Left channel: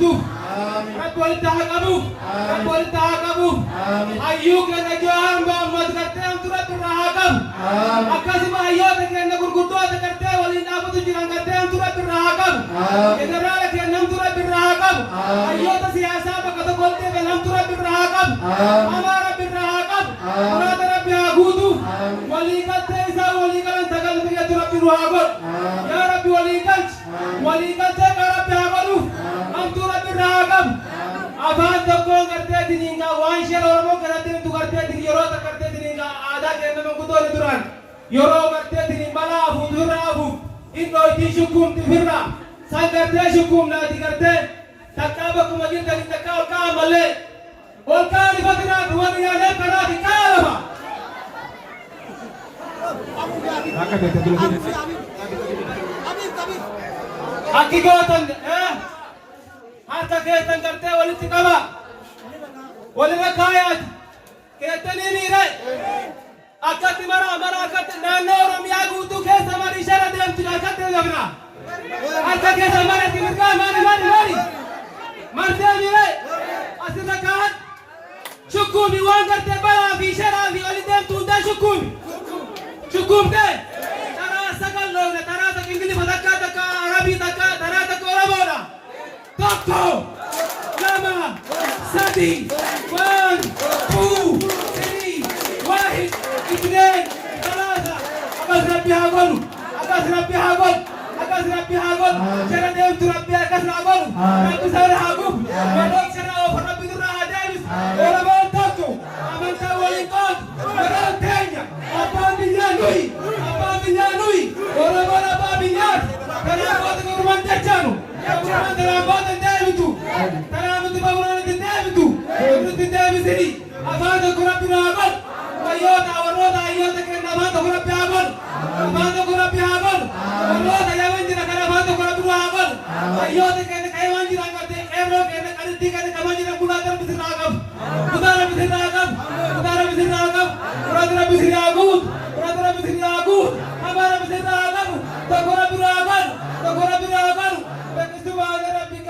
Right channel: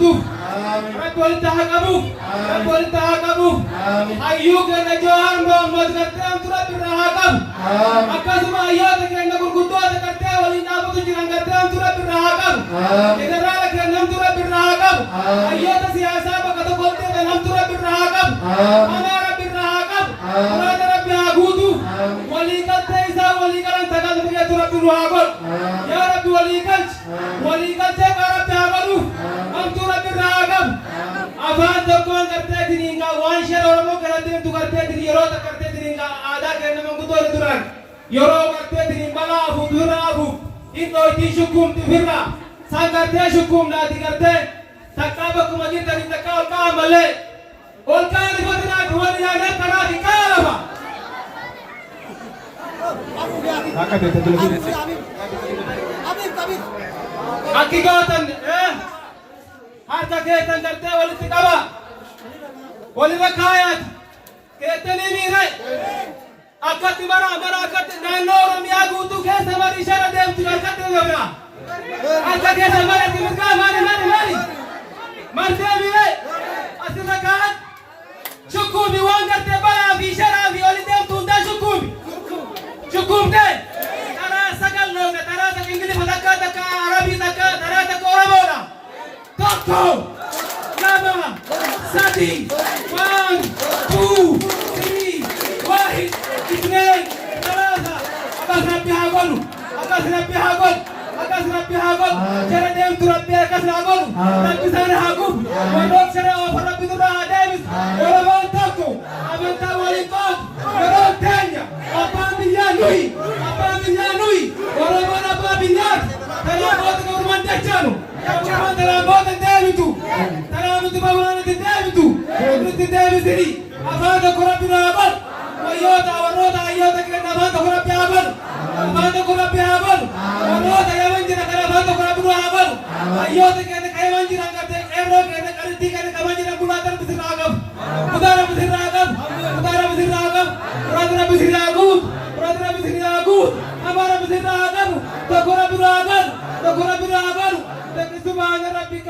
guutu rabbi walitti haa qabu rabbi walitti haa qabu hayyuu keenya joohan boomnoot gartee amtu rabbi irraa haa qabu akkasuma hayyoota keenya gurguddoota gartee waliin dhaabatu jiran gartee amtu rabbi irraa haa qabu jeneraala keenya amtu rabbi irraa haa qabu hayyoota siyaasaa bakka tokkotti kan amtu rabbi irraa haa qabu amaa rabbi irraa haa qabu muraada rabbi haa guutu walii galtee isaa walii galan tagal biyyatu rabbi nu haa godhu yaa rabbi walii galtee kaa rabbi haa godhu amtu rabbi irraa haa qabu afaan tokkoon gartee diniingaa waan shera oromoo kanatti himtu gartee dini yeroo takka gartee diniingaa aadaa keenya manguddoonni duraan yeroo gartee diniin balaa afuuf firra afuuf iddootii shukkuumti firra san gartee shukkuumnaati gartee takkaa bakkuma jirtanii takkaa ol kaa'an malee ol kaa'an ifatinaati wal yaadee kanaati kaa'aa lafa. Akki gootan harka keessan gartee walitti qaba walirra kaayaati keettanii miire akkatti mara akkatti naannoo oromiyaa guutuu keessa mari ishee deemtu harkatti gabra harka keessa maratti mirgaa maali martee miire asirra kaan shukkuumi waan gartee balaa fi sharaa fi oli deemtu hundaa shukkuumtee taraa sagal loona taraa takka ingilifa takka arabii takka taraa takka oromoodha tokko lama sadi 1 2 3 واحد اثنين ثلاثة أقص ربي هاقول شرع ديمت ربي أقص هاقول ربي سهر هاقول ونوك شرع أوفر ربي ذرها ديمت وربان تاكو أمانتا وليقات وربان تانيا أبان بيانوي وربان أبان بيان تنام بوتك ورمان تجانو ورمان تنام بوتك ديمتو تنام بوتك ديمتو أفادك ربي نابل ويوتا وروتا أيوتا كنا أفادك ربي هابل وروتا يمنجر كنا أفادك ربي هابل أيوتا كنا كيمنجر أنكرتي إيرو كنا كريتي كنا كمنجر بلادر بسر راقب كدار بسر راقب رادر بسر راقب أمار بسر راقب تقرب راقب تكسبان ربك